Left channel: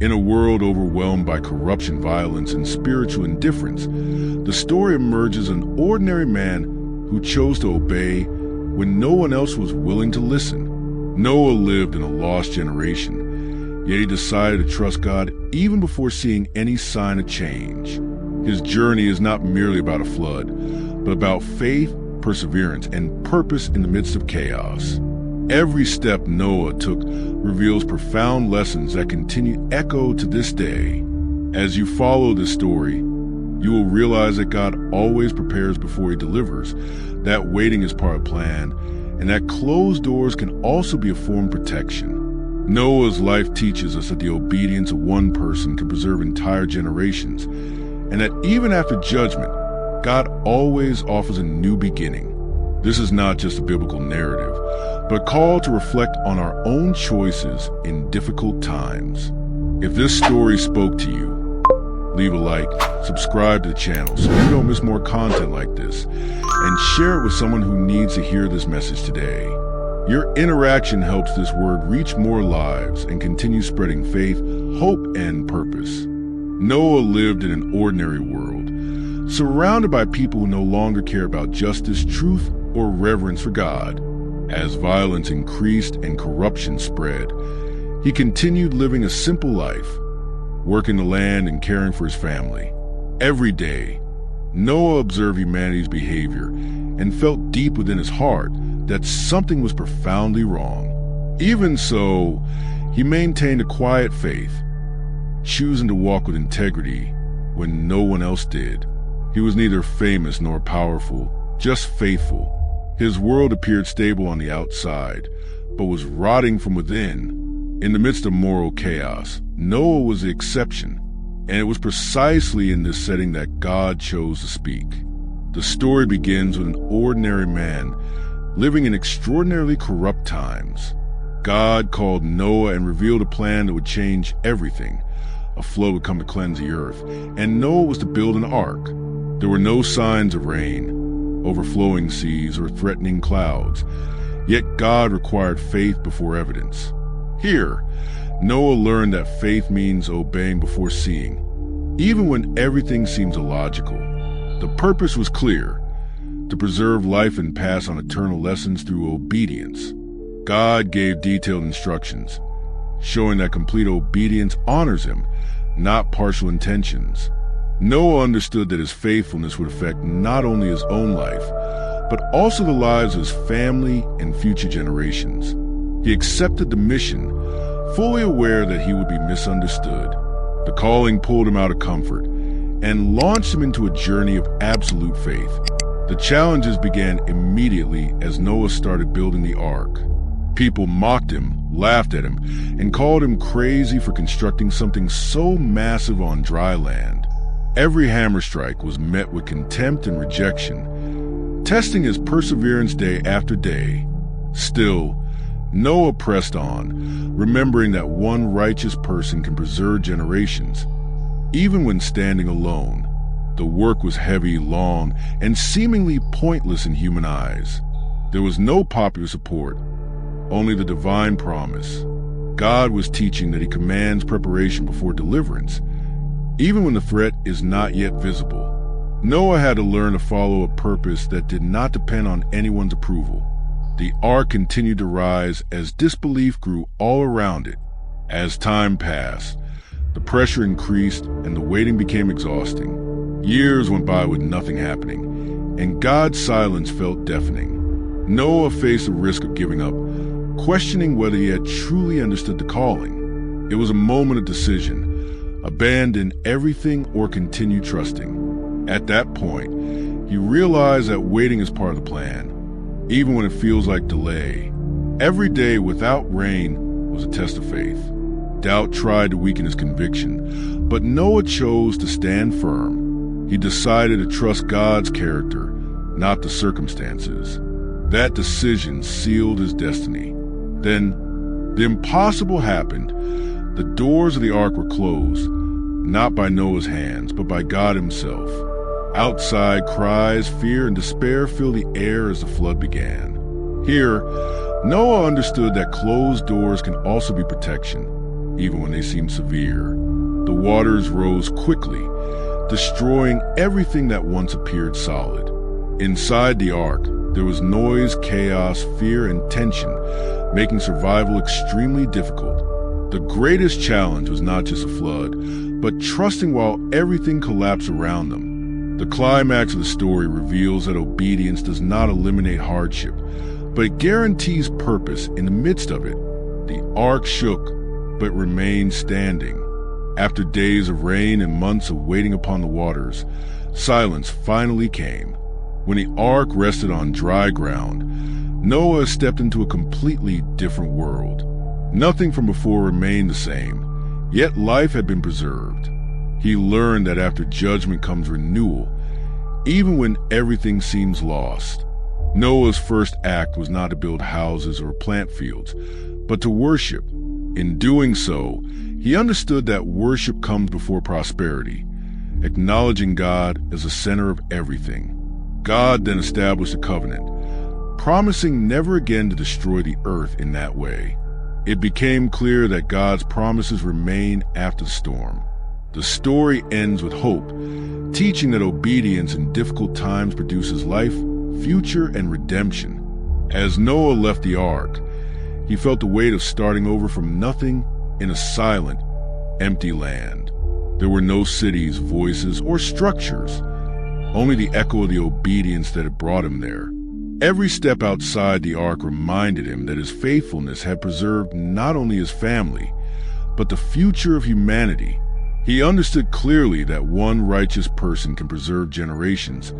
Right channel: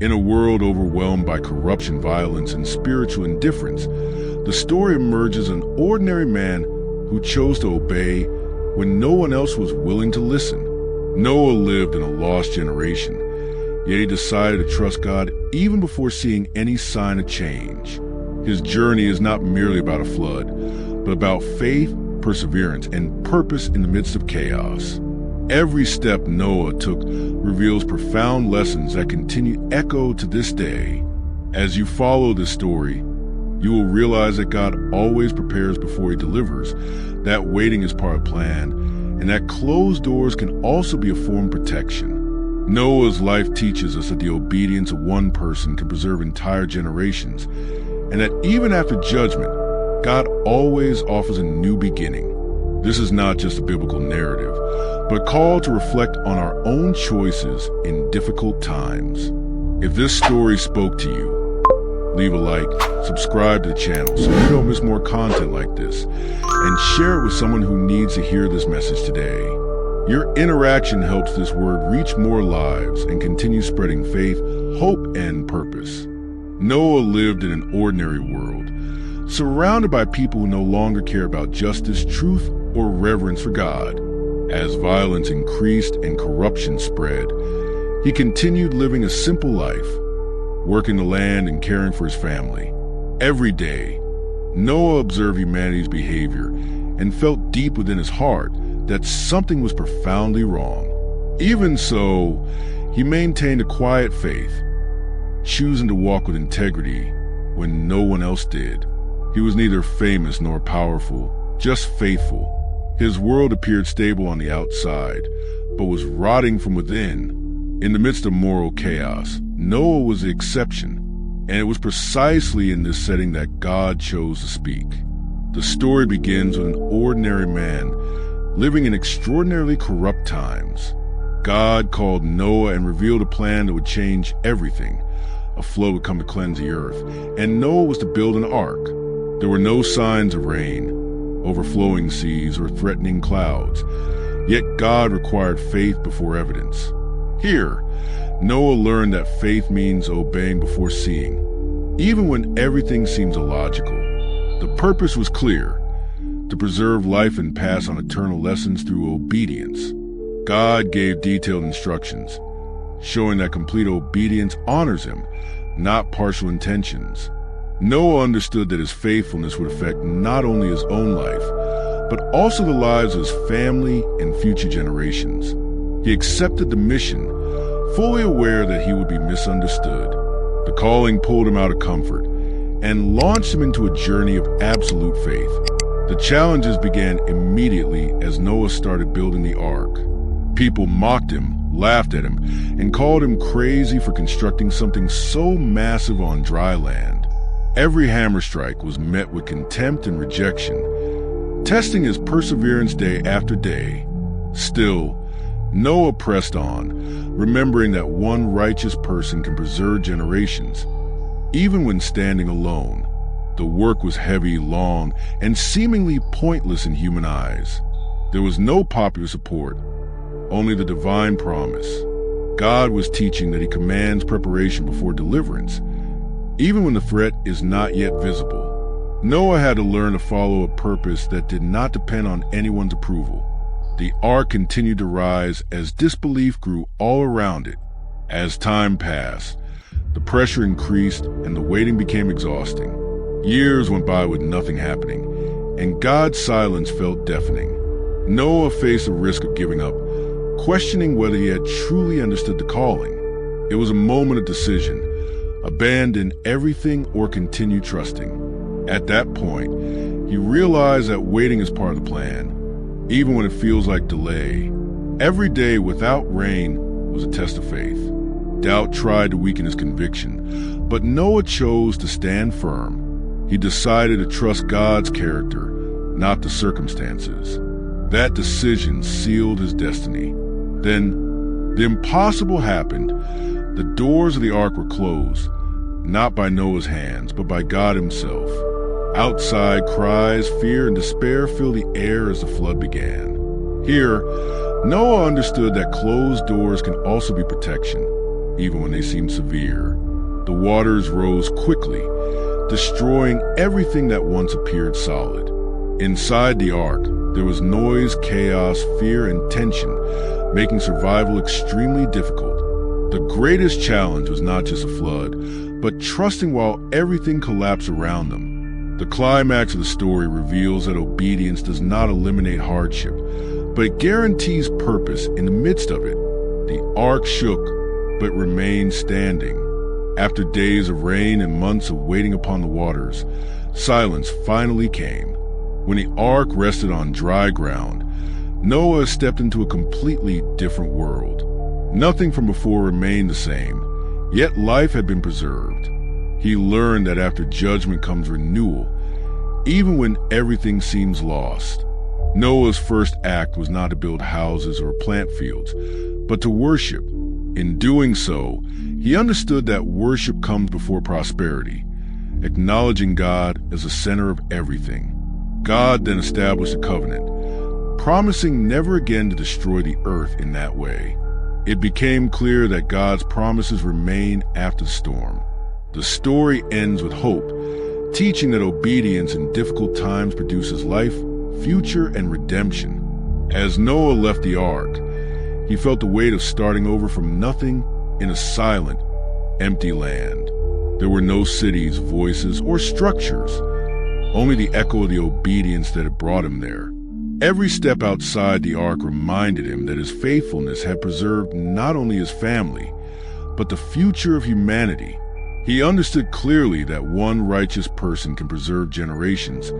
In a world overwhelmed by corruption, violence, and spiritual indifference, the story emerges an ordinary man who chose to obey when no one else was willing to listen. Noah lived in a lost generation, yet he decided to trust God even before seeing any sign of change. His journey is not merely about a flood, but about faith, perseverance, and purpose in the midst of chaos. Every step Noah took reveals profound lessons that continue to echo to this day. As you follow this story, you will realize that God always prepares before he delivers, that waiting is part of the plan, and that closed doors can also be a form of protection. Noah's life teaches us that the obedience of one person can preserve entire generations, and that even after judgment, God always offers a new beginning. This is not just a biblical narrative, but a call to reflect on our own choices in difficult times. If this story spoke to you, leave a like, subscribe to the channel so you don't miss more content like this, and share it with someone who needs to hear this message today. Your interaction helps this word reach more lives and continue spreading faith, hope, and purpose. Noah lived in an ordinary world, surrounded by people who no longer care about justice, truth, or reverence for God. As violence increased and corruption spread, he continued living a simple life, working the land and caring for his family. Every day, Noah observed humanity's behavior and felt deep within his heart that something was profoundly wrong. Even so, he maintained a quiet faith, choosing to walk with integrity when no one else did. He was neither famous nor powerful, just faithful. His world appeared stable on the outside, but was rotting from within. In the midst of moral chaos, Noah was the exception, and it was precisely in this setting that God chose to speak. The story begins with an ordinary man living in extraordinarily corrupt times. God called Noah and revealed a plan that would change everything. A flood would come to cleanse the earth, and Noah was to build an ark. There were no signs of rain, overflowing seas, or threatening clouds, yet God required faith before evidence. Here, Noah learned that faith means obeying before seeing, even when everything seems illogical. The purpose was clear: to preserve life and pass on eternal lessons through obedience. God gave detailed instructions, showing that complete obedience honors him, not partial intentions. Noah understood that his faithfulness would affect not only his own life, but also the lives of his family and future generations. He accepted the mission, fully aware that he would be misunderstood. The calling pulled him out of comfort and launched him into a journey of absolute faith. The challenges began immediately as Noah started building the ark. People mocked him, laughed at him, and called him crazy for constructing something so massive on dry land. Every hammer strike was met with contempt and rejection, testing his perseverance day after day. Still, Noah pressed on, remembering that one righteous person can preserve generations. Even when standing alone, the work was heavy, long, and seemingly pointless in human eyes. There was no popular support, only the divine promise. God was teaching that he commands preparation before deliverance, even when the threat is not yet visible. Noah had to learn to follow a purpose that did not depend on anyone's approval. The ark continued to rise as disbelief grew all around it. As time passed, the pressure increased and the waiting became exhausting. Years went by with nothing happening, and God's silence felt deafening. Noah faced the risk of giving up, questioning whether he had truly understood the calling. It was a moment of decision: abandon everything or continue trusting. At that point, he realized that waiting is part of the plan, even when it feels like delay. Every day without rain was a test of faith. Doubt tried to weaken his conviction, but Noah chose to stand firm. He decided to trust God's character, not the circumstances. That decision sealed his destiny. Then, the impossible happened. The doors of the ark were closed, not by Noah's hands, but by God himself. Outside, cries, fear, and despair filled the air as the flood began. Here, Noah understood that closed doors can also be protection. even when they seemed severe. The waters rose quickly, destroying everything that once appeared solid. Inside the ark, there was noise, chaos, fear, and tension, making survival extremely difficult. The greatest challenge was not just a flood, but trusting while everything collapsed around them. The climax of the story reveals that obedience does not eliminate hardship, but it guarantees purpose in the midst of it. The ark shook, but remained standing. After days of rain and months of waiting upon the waters, silence finally came. When the ark rested on dry ground, Noah stepped into a completely different world. Nothing from before remained the same, yet life had been preserved. He learned that after judgment comes renewal, even when everything seems lost. Noah's first act was not to build houses or plant fields, but to worship. In doing so, he understood that worship comes before prosperity, acknowledging God as the center of everything. God then established a covenant, promising never again to destroy the earth in that way. It became clear that God's promises remain after the storm. The story ends with hope, teaching that obedience in difficult times produces life, future, and redemption. As Noah left the ark, he felt the weight of starting over from nothing in a silent, empty land. There were no cities, voices, or structures, only the echo of the obedience that had brought him there. Every step outside the ark reminded him that his faithfulness had preserved not only his family, but the future of humanity. He understood clearly that one righteous person can preserve generations,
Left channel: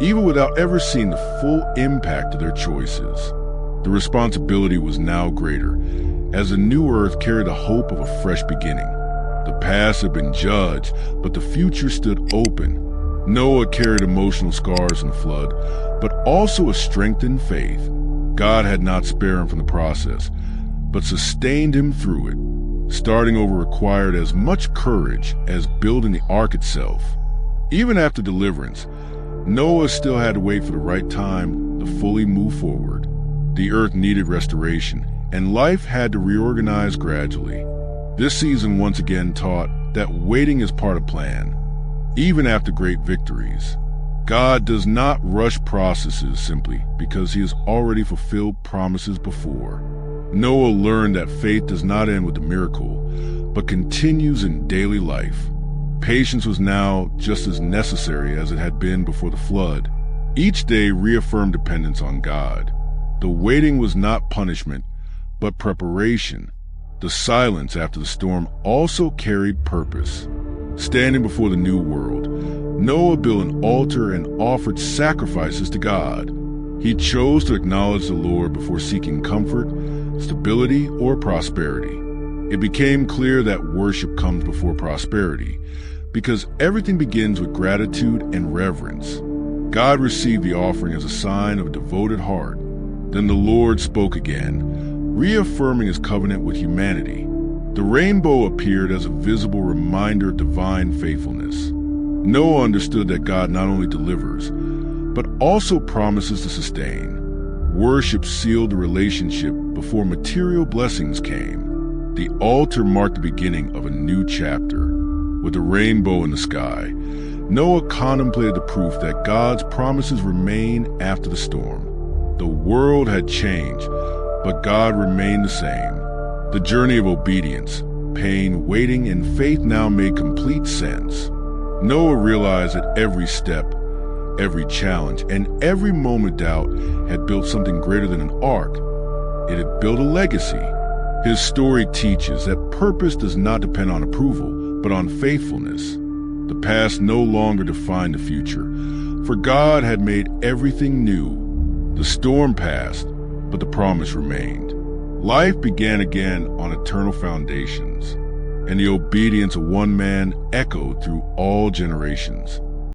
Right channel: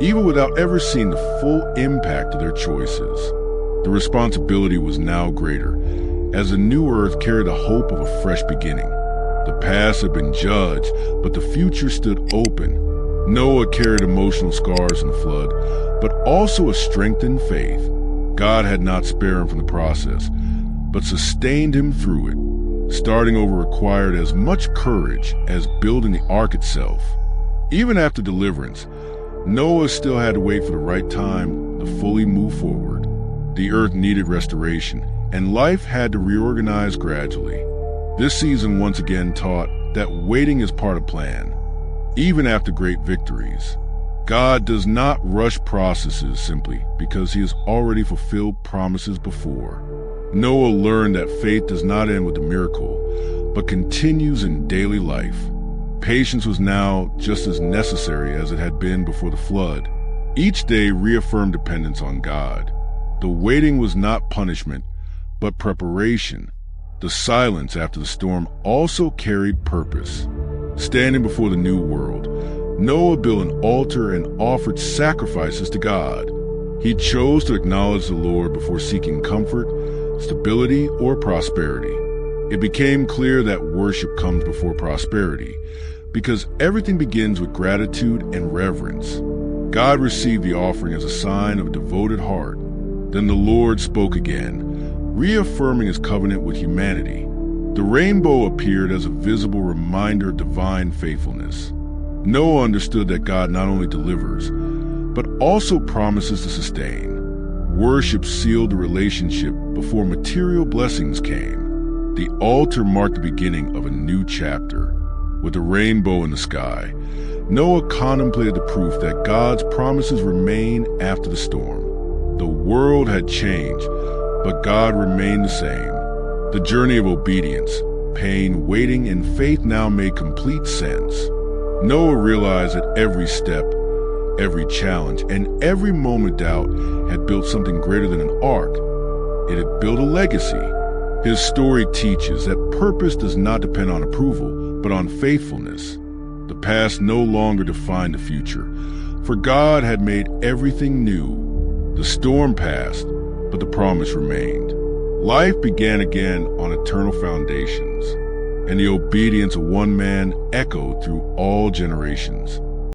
even without ever seeing the full impact of their choices. The responsibility was now greater, as the new earth carried the hope of a fresh beginning. The past had been judged, but the future stood open. Noah carried emotional scars from the flood, but also a strengthened faith. God had not spared him from the process, but sustained him through it. Starting over required as much courage as building the ark itself. Even after deliverance, Noah still had to wait for the right time to fully move forward. The earth needed restoration, and life had to reorganize gradually. This season once again taught that waiting is part of plan. Even after great victories, God does not rush processes simply because he has already fulfilled promises before. Noah learned that faith does not end with the miracle, but continues in daily life. Patience was now just as necessary as it had been before the flood. Each day reaffirmed dependence on God. The waiting was not punishment, but preparation. The silence after the storm also carried purpose. Standing before the new world, Noah built an altar and offered sacrifices to God. He chose to acknowledge the Lord before seeking comfort, stability, or prosperity. It became clear that worship comes before prosperity, because everything begins with gratitude and reverence. God received the offering as a sign of a devoted heart. Then the Lord spoke again, reaffirming his covenant with humanity. The rainbow appeared as a visible reminder of divine faithfulness. Noah understood that God not only delivers, but also promises to sustain. Worship sealed the relationship before material blessings came. The altar marked the beginning of a new chapter. With a rainbow in the sky, Noah contemplated the proof that God's promises remain after the storm. The world had changed, but God remained the same. The journey of obedience, pain, waiting, and faith now made complete sense. Noah realized that every step, every challenge, and every moment of doubt had built something greater than an ark. It had built a legacy. His story teaches that purpose does not depend on approval, but on faithfulness. The past no longer defined the future, for God had made everything new. The storm passed, but the promise remained. Life began again on eternal foundations, and the obedience of one man echoed through all generations.